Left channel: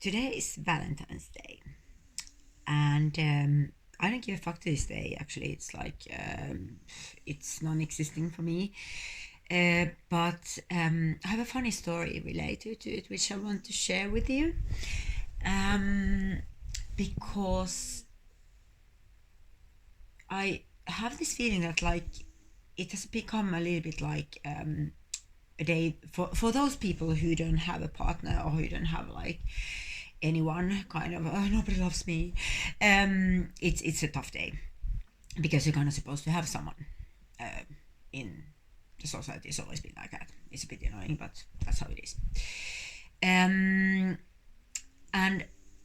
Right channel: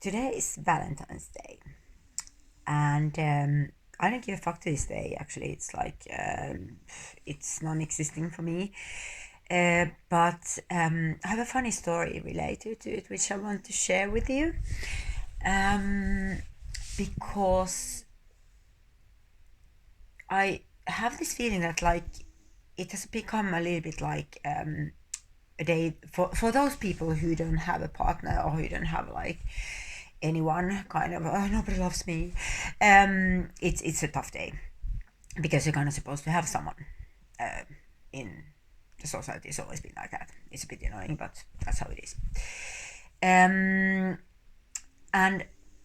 Today is Valentine's Day, and I don't give a fuck to this day. Actually, it's like it's non-existing for me. But I have a funny story related to it, which I want to share with you. Um, because I have this feeling that like it has become a little bit like a day for those people who don't have a partner or who don't have like anyone kind of nobody loves me. It's a tough day because you're kind of supposed to have someone uh, in the society. It's always been like that. It's a bit annoying, but that's how it is. And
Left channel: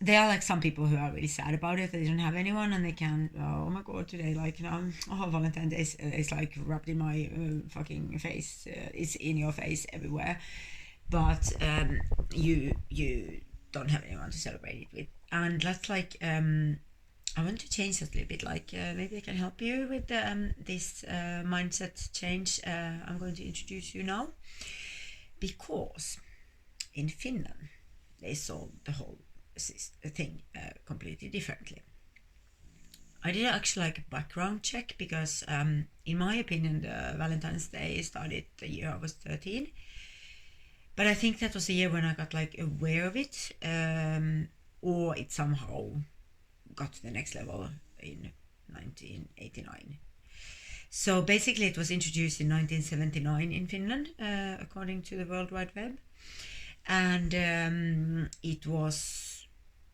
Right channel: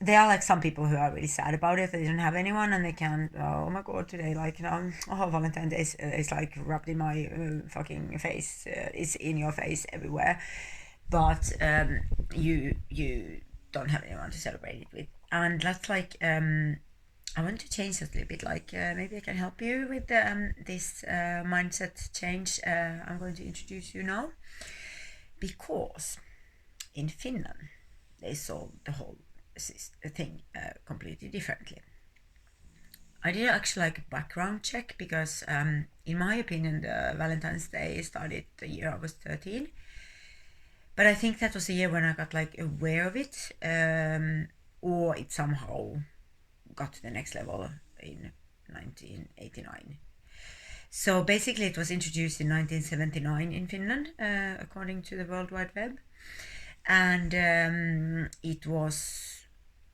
there are like some people who are really sad about it. They don't have anyone, and they can. Oh my god, today like oh Valentine's Day is like rubbed in my fucking face. It's in your face everywhere. But you don't have anyone to celebrate it with, and that's like I want to change that a little bit. Like maybe I can help you with this mindset change. I'm going to introduce you now because in Finland they solved the whole thing completely differently. I did actually like a background check because, in my opinion, the Valentine's Day started the year I was 13. But I think that was the year when I got like aware of it, or it somehow got to the next level in 1989. So basically, it was introduced in 1979 in Finland, according to the World Wide Web, and it was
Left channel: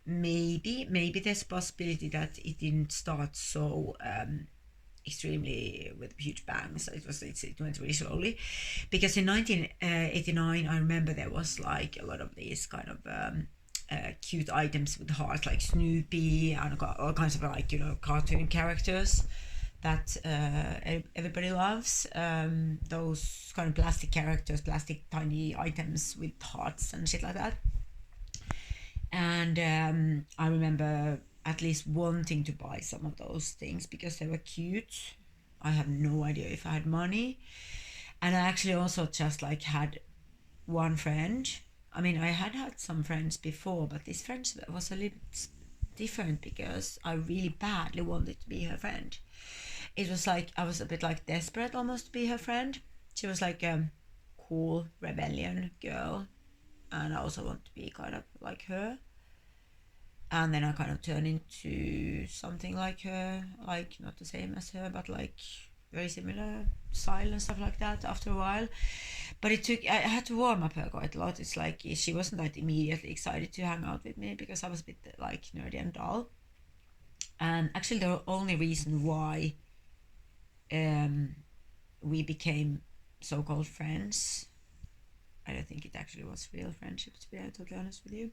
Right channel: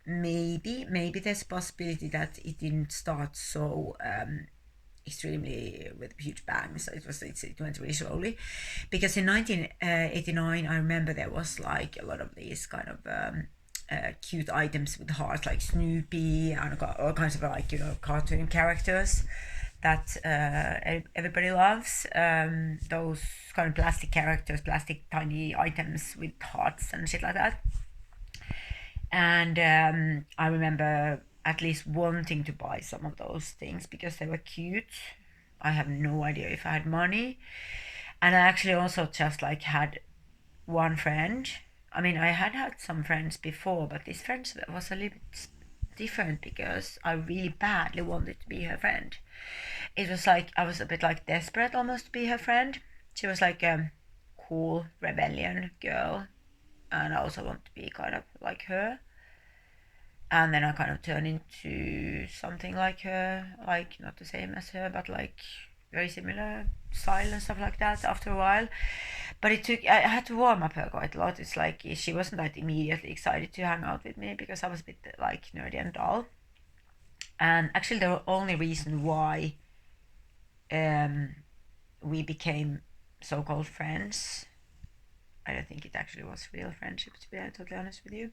maybe there's a possibility that it didn't start so extremely with a huge bang. So it went really slowly, because in 1989 I remember there was like a lot of these kind of cute items with hearts, like Snoopy and all kinds of like cartoon characters that everybody loves. Those kind of plastic characters, plastic tiny items with hearts and shit like that. And I remember at least wanting to buy some of those things because they were cute. I have no idea if I had money. And I actually also just like had one friend. I mean, I had some friends before, but this friend was a little bit different because I really badly wanted to be her friend. It was like I was a bit like desperate almost to be her friend. She was like a cool rebellion girl, and I also want to be kind of like her. And then I kind of turned into something like her, like not the same as her, but like very similar style and stuff like that after a while. But I had to warm up her quite a lot. It's like she wasn't that immediately excited to hang out with me because I was a bit like nerdy and dull. And actually, the only reason why um, we became so-called friends, I don't think it actually was real friendship, to be totally honest with you,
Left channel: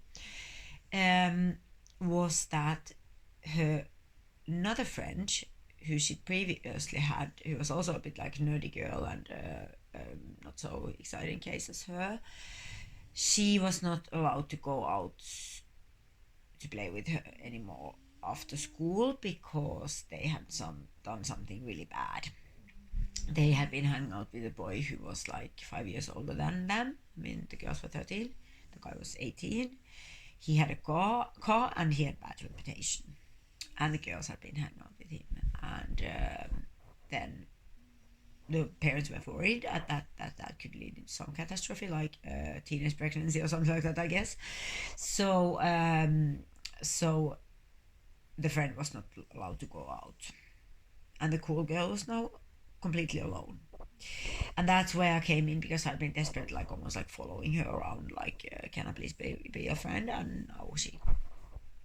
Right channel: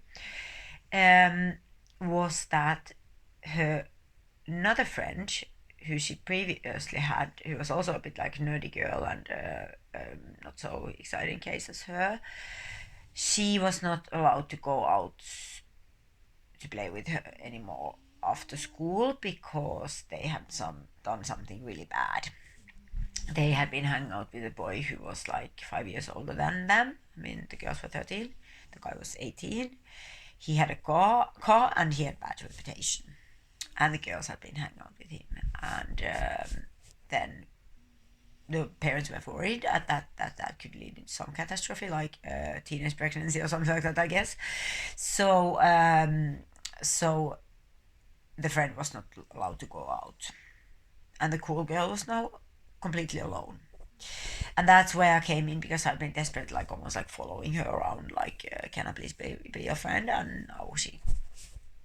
um, was that her another friend who she previously had, who was also a bit like nerdy girl and not so exciting case as her, she was not allowed to go out to play with her anymore after school because they had done something really bad. They had been hanging out with a boy who was like 5 years older than them. I mean, the girls were 13, the guy was 18. He had a car and he had bad reputation, and the girls had been hanging out with him. And then the parents were worried at that could lead to some catastrophe, like teenage pregnancy or something like that, I guess. So the friend was not allowed to go out, and the cool girl was now completely alone. And that's where I came in because I'd been desperate, like almost like following her around, like, can I please be a friend? And now she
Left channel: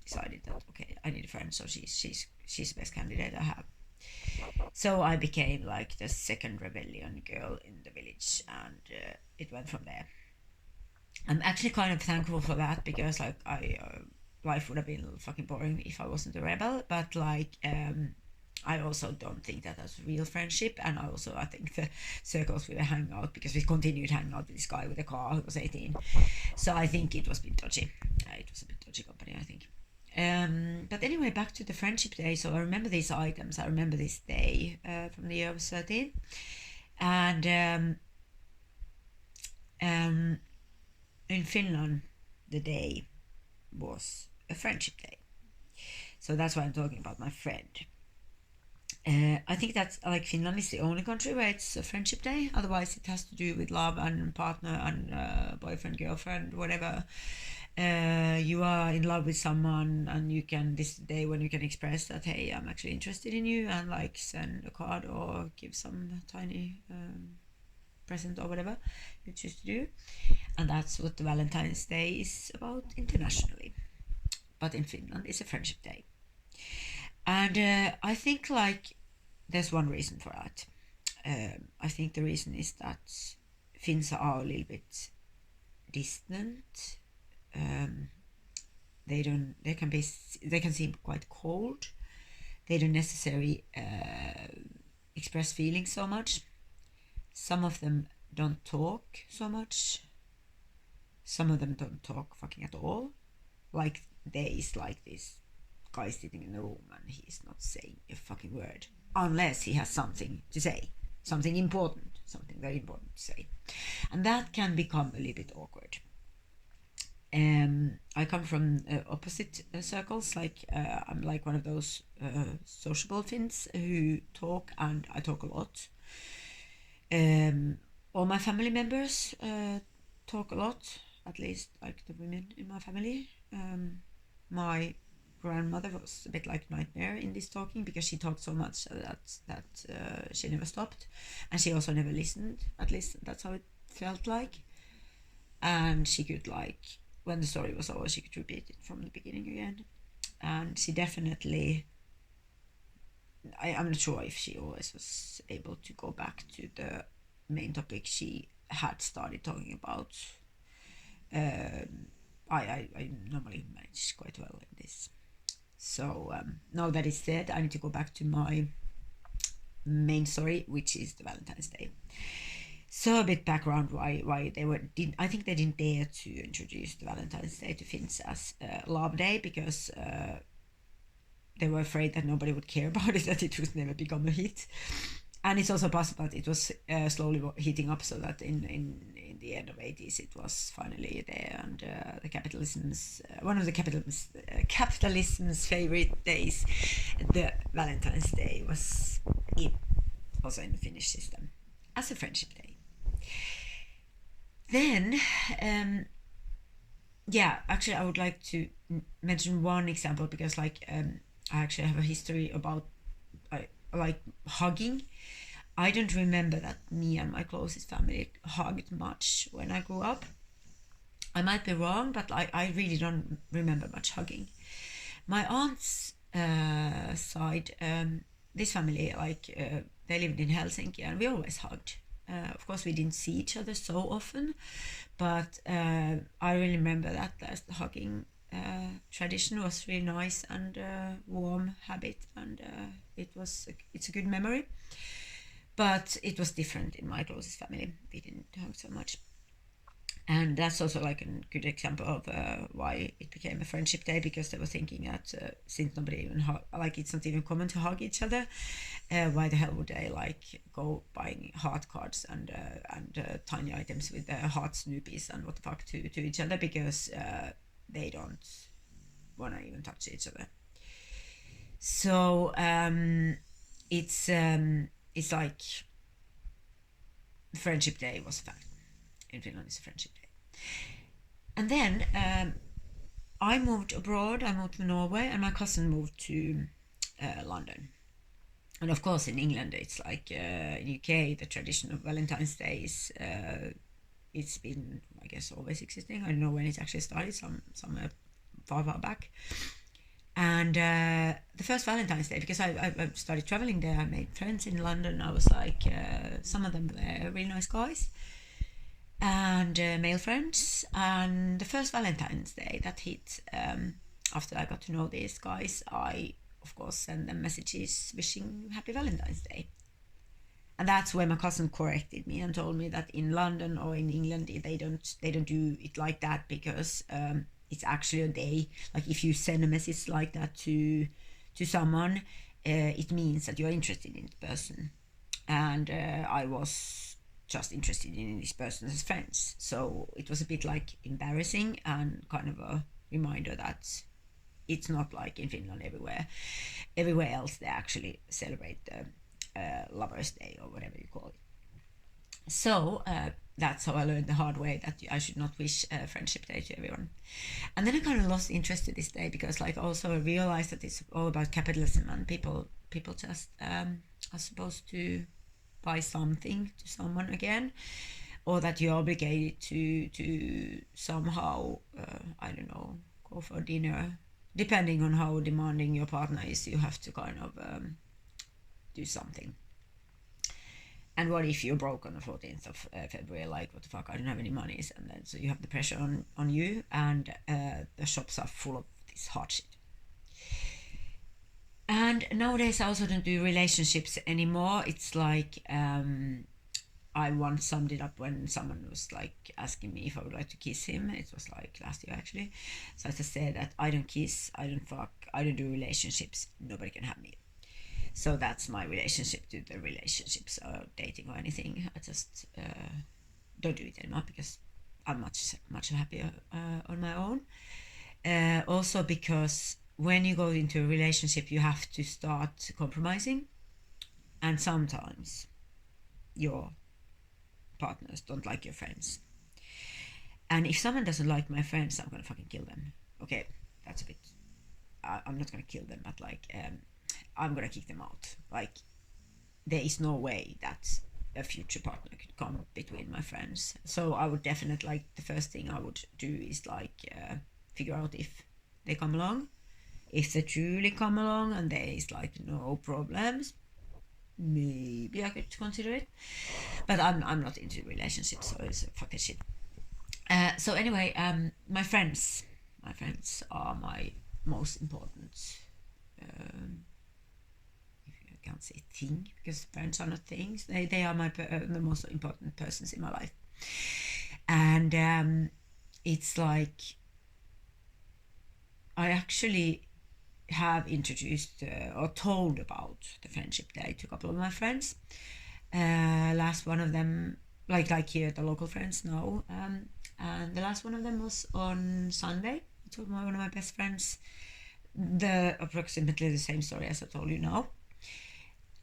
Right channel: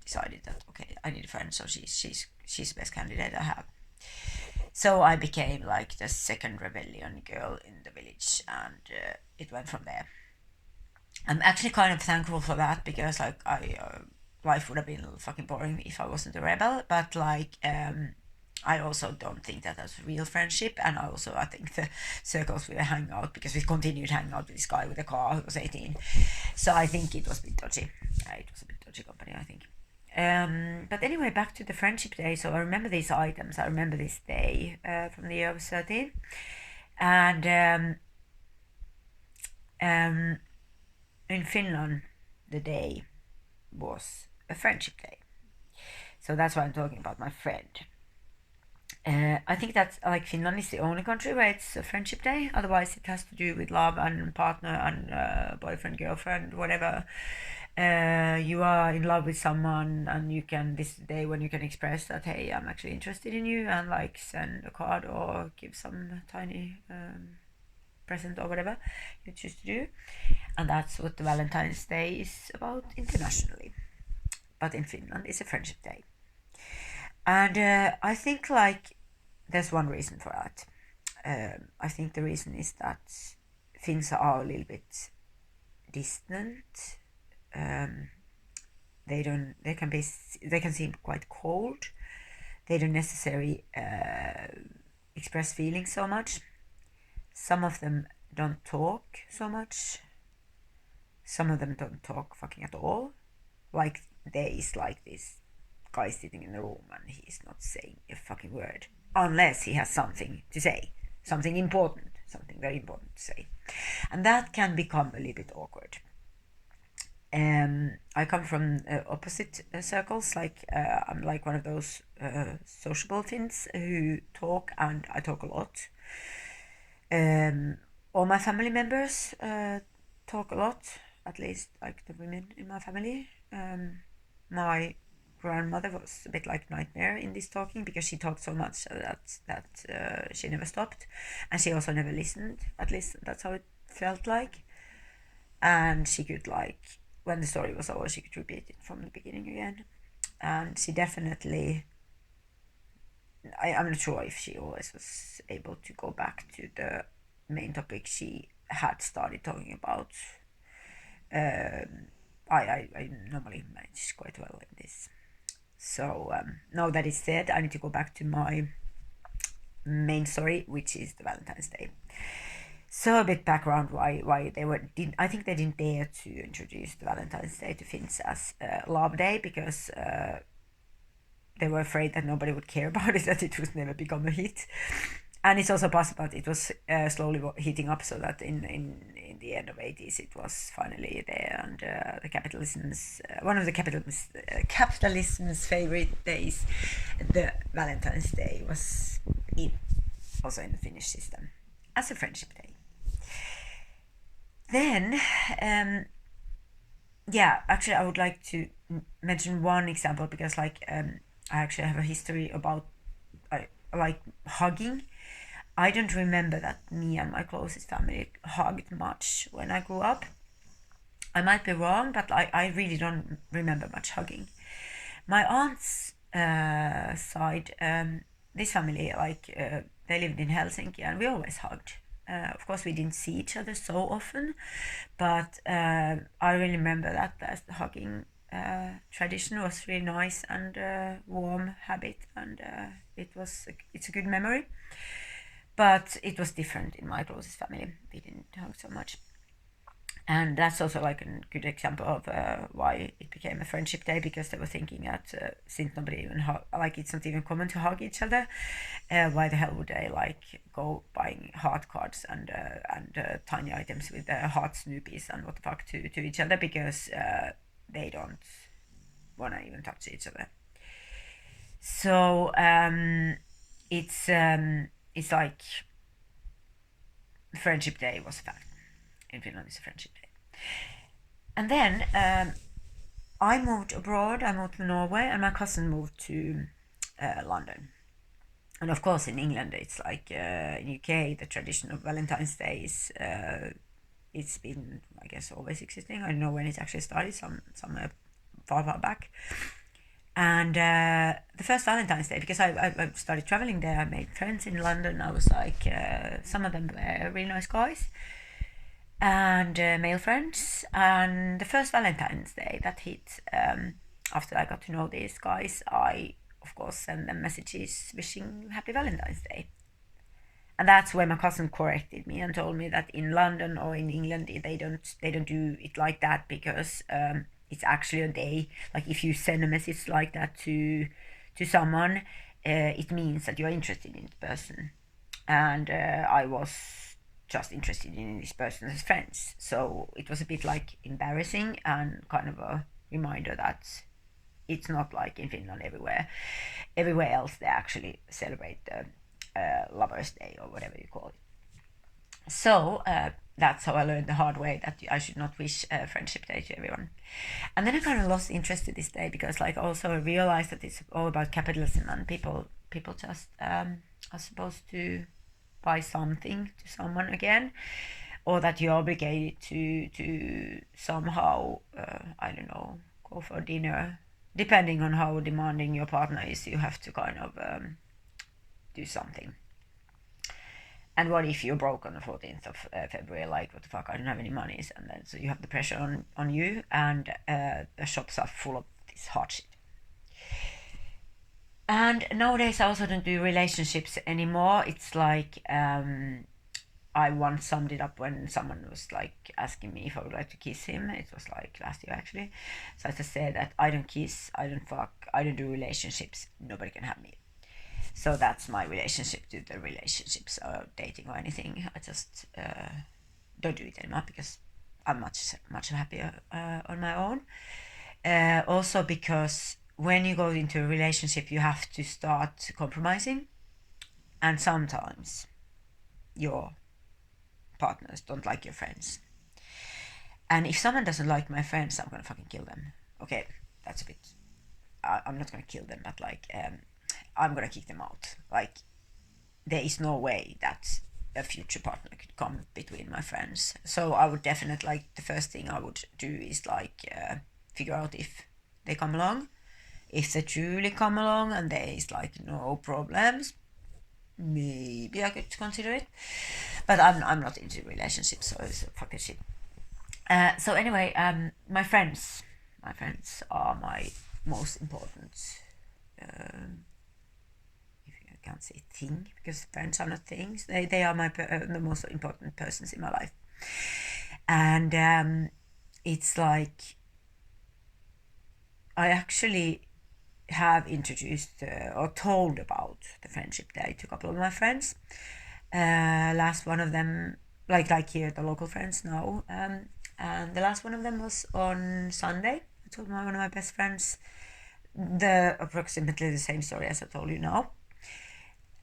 decided that okay, I need a friend, so she's the best candidate I have. So I became like the second rebellion girl in the village, and it went from there. I'm actually kind of thankful for that because like I life would have been fucking boring if I wasn't a rebel. But like I also don't think that that's real friendship, and I think the circles we were hanging out because we continued hanging out with this guy with a car who was 18. So I think it was a bit dodgy. It was a bit dodgy company, I think. But anyway, back to the friendship day. So I remember these items. I remember this day from the year I was 13. And um, in Finland, the day was a friendship day. So that's why I'm talking about my friend. I think that's like Finland is the only country where it's a friendship day. Otherwise, it has to do with love and partner and boyfriend, girlfriend, whatever. You are in love with someone, and you can this day when you can express that, hey, I'm actually interested in you, and like send a card or give some tiny present or whatever you choose to do. And that's what the Valentine's Day is about internationally. But in Finland, it's a friendship day. And I think like there's one reason for that. I think the reason is that Finns are a little bit distant. They can seem quite cold. They don't necessarily express feelings so much. Some of them don't talk so much. Some of them don't talk fucking at all. Like there is like this guy sitting in the room and he's not saying a fucking word unless he has something to say, something important, something very important to say, and that can become a little bit awkward. I come from opposite circles. Like I'm like one of those sociable Finns who talk, and I talk a lot. All my family members talk a lot. At least like the women in my family. My grandmother was a bit like nightmare in this talking because she talked so much that she never stopped, and she also never listened. At least that's how it felt like. And she could like when the story was over, she could repeat it from the beginning again. And she definitely, I'm not sure if she always was able to go back to the main topic she had started talking about. I normally manage quite well in this. So now that is said, I need to go back to my main story, which is the Valentine's Day. So a bit background why they I think they didn't dare to introduce the Valentine's Day to Finns as Love Day because they were afraid that nobody would care about it, that it would never become a hit. And it's also possible that it was slowly heating up, so that in the end of 80s it was finally there, and the capitalism's one of the capitalism's favorite days, the Valentine's Day, was also in the Finnish system as a friendship day. Then, actually, I would like to mention one example because, like, I actually have a history about like hugging. I don't remember that me and my closest family hugged much when I grew up. I might be wrong, but I really don't remember much hugging. My aunt's side, this family, they lived in Helsinki, and we always hugged. Of course, we didn't see each other so often, but I really remember that the hugging tradition was really nice and warm habit, and it's a good memory. But it was different in my closest family. We didn't hug so much. And that's also like a good example of why it became a friendship day, because they were thinking that since nobody even it's not even common to hug each other, why the hell would they like go buying heart cards and tiny items with heart snoopies and what the fuck to each other, because they don't want to even touch each other. So it's like friendship day was a fact. In Finland, it's a friendship day. And then I moved abroad. I moved to Norway, and my cousin moved to London. And of course, in England, it's like in UK, the tradition of Valentine's Day is it's been, I guess, always existing. I don't know when it actually started. Some far back. And the first Valentine's Day, because I started traveling there, I made friends in London. I was like, some of them were really nice guys. And male friends. And the first Valentine's Day that hit, after I got to know these guys, I of course sent them messages wishing Happy Valentine's Day. And that's where my cousin corrected me and told me that in London or in England they don't do it like that, because it's actually a day. Like if you send a message like that to someone, it means that you are interested in the person. And I was just interested in this person as friends, so it was a bit like embarrassing and kind of a reminder that it's not like in Finland everywhere else they actually celebrate the Lovers' Day or whatever you call it. So that's how I learned the hard way that I should not wish Friendship Day to everyone. And then I kind of lost interest to this day because like also I realized that it's all about capitalism and people just are supposed to buy something to someone again, or that you're obligated to somehow I don't know, go for dinner. Depending on how demanding your partner is, you have to kind of do something. And what if you're broke on the 14th of February? Like, what the fuck? I don't have any money, and then so you have the pressure on you, and the shops are full of this hard shit. And nowadays I also don't do relationships anymore. It's like I once summed it up when someone was like asking me if I would like to kiss him. It was like last year actually. So I just said that I don't kiss, I don't fuck, I don't do relationships. Nobody can have me. So that's my relationship to the relationships or dating or anything. I just don't do it anymore because I'm much happier on my own. Also because when you go into a relationship, you have to start compromising, and sometimes your partners don't like your friends. And if someone doesn't like my friends, I'm gonna fucking kill them. Okay, that's a bit. I'm not gonna kill them, but like I'm gonna kick them out. Like there is no way that a future partner could come between my friends. So I would definitely like the first thing I would do is like figure out if they come along. If they truly come along and there is like no problems, maybe I could consider it. But I'm not into relationships, so it's fucking shit. So anyway, my friends are my most important. I can't say thing because friends are not things. They are the most important persons in my life, and it's like I actually have introduced or told about the Friendship Day to a couple of my friends. Last one of them, like here the local friends now, and the last one of them was on Sunday. I told one of my best friends approximately the same story as I told you now,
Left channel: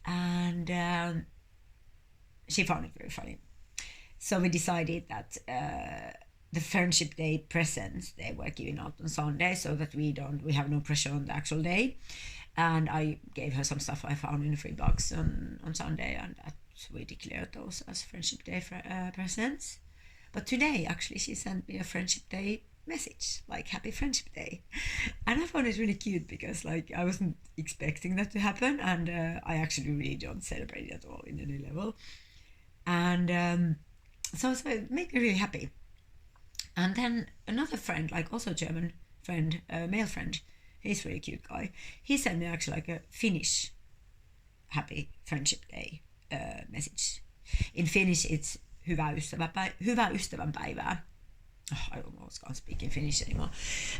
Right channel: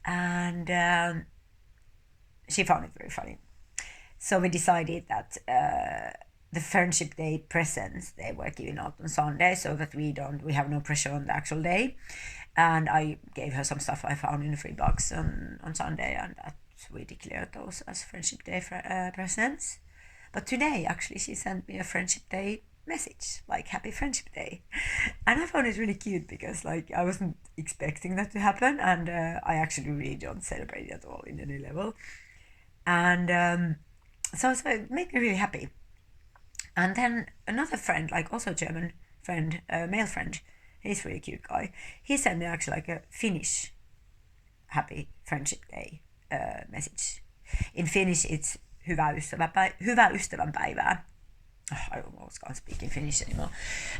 and she found it very funny. So we decided that the Friendship Day presents they were giving out on Sunday, so that we have no pressure on the actual day. And I gave her some stuff I found in the free box on Sunday, and that we declared those as Friendship Day presents. But today, actually, she sent me a Friendship Day message, like Happy Friendship Day, and I found it really cute because like I wasn't expecting that to happen, and I actually really don't celebrate it at all in any level, and so it made me really happy. And then another friend, like also German friend, male friend, he's a really cute guy. He sent me actually like a Finnish Happy Friendship Day message. In Finnish, it's hyvää ystävänpäivää. I almost can't speak in Finnish anymore.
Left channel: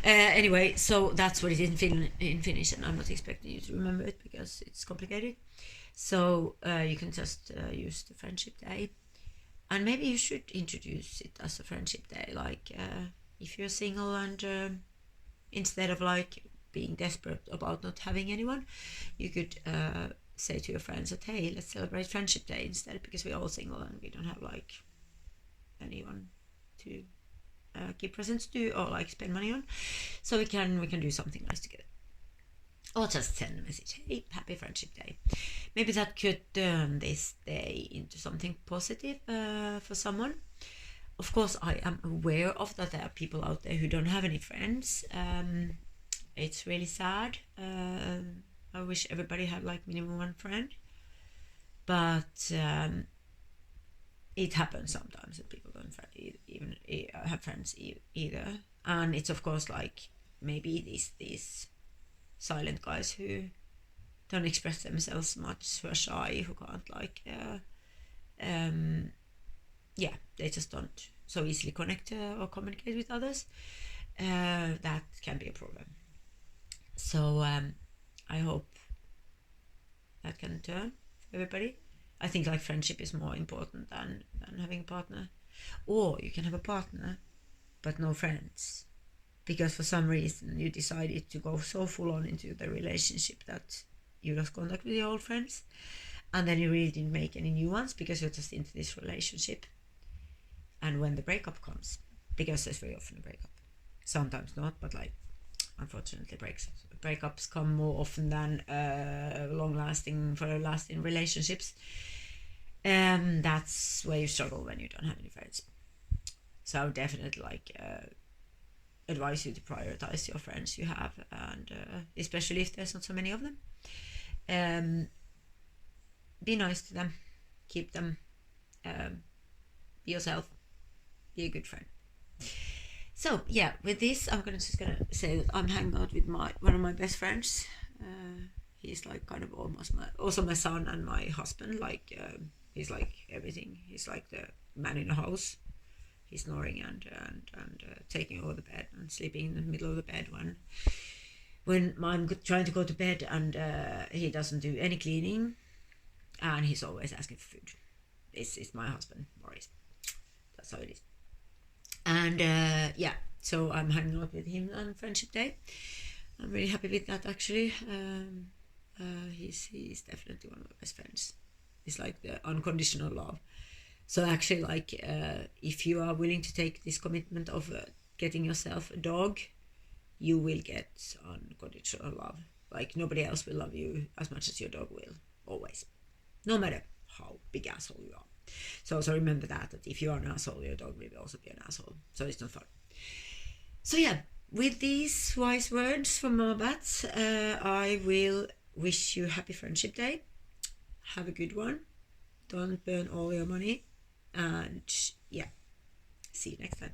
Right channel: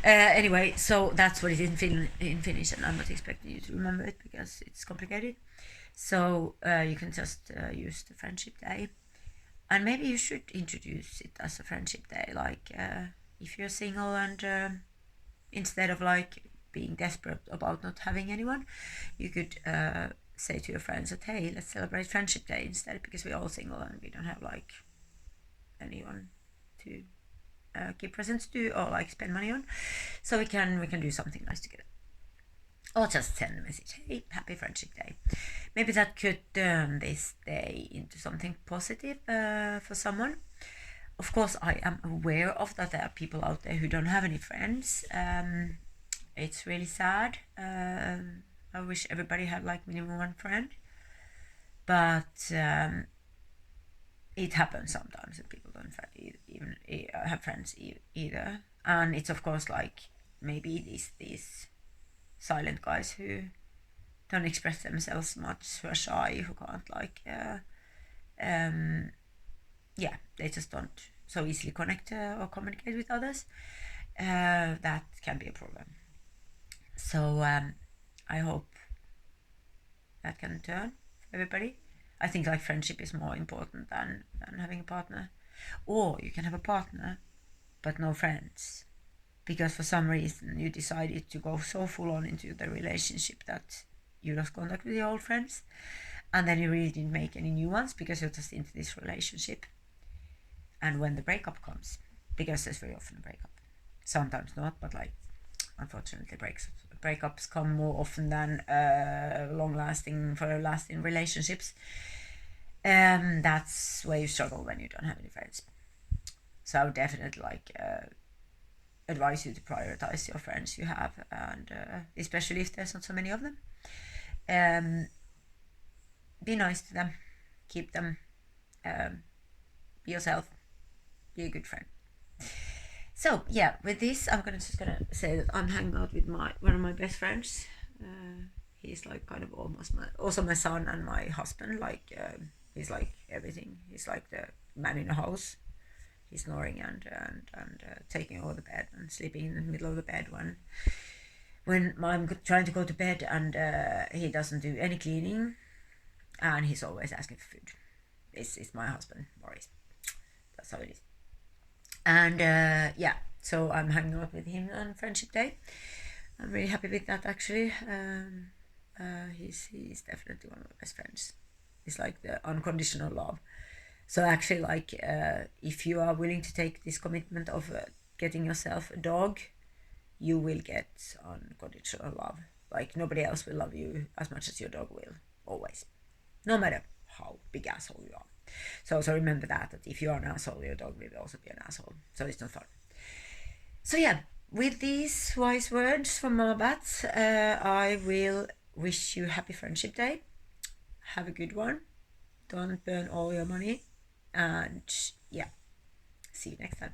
Anyway, so that's what it is in Finnish, and I'm not expecting you to remember it because it's complicated. So you can just use the Friendship Day. And maybe you should introduce it as a Friendship Day, like if you're single and instead of like being desperate about not having anyone, you could say to your friends that, hey, let's celebrate Friendship Day instead, because we're all single and we don't have like anyone to give presents to or like spend money on, so we can do something nice together. Or just send a message, hey, Happy Friendship Day. Maybe that could turn this day into something positive for someone. Of course, I am aware of that there are people out there who don't have any friends. It's really sad. I wish everybody had like minimum one friend. But it happens sometimes that people don't even have friends either. And it's of course like maybe these silent guys who don't express themselves much, who are shy, who can't like they just don't so easily connect or communicate with others. That can be a problem. So I hope that can turn for everybody. I think like friendship is more important than having a partner. Or you can have a partner but no friends. because for some reason you decided to go so full on into the relationship that you lost contact with your old friends, and then you really didn't make any new ones because you're just into this relationship. And when the breakup comes, because there's very often a breakup, sometimes not, but like unfortunately breakups come more often than long-lasting relationships. That's where you struggle when you don't have any friends. So I would definitely advise you to prioritize your friends you have, and especially if there's not so many of them. Be nice to them, keep them, be yourself, be a good friend. So yeah, with this, I'm just gonna say that I'm hanging out with one of my best friends. He's like kind of also my son and my husband. He's like everything. He's like the man in the house. He's snoring and taking over the bed and sleeping in the middle of the bed when I'm trying to go to bed, and he doesn't do any cleaning, and he's always asking for food. It's my husband, Maurice. That's how it is. And yeah, so I'm hanging out with him on Friendship Day. I'm really happy with that, actually. He's definitely one of my best friends. It's like the unconditional love. So actually, like, if you are willing to take this commitment of getting yourself a dog, you will get unconditional love. Like, nobody else will love you as much as your dog will, always, no matter how big asshole you are. So also remember that if you are an asshole, your dog will also be an asshole. So it's not fun. So yeah, with these wise words from Mama Bats, I will wish you happy Friendship Day. Have a good one. Don't burn all your money. And yeah, see you next time.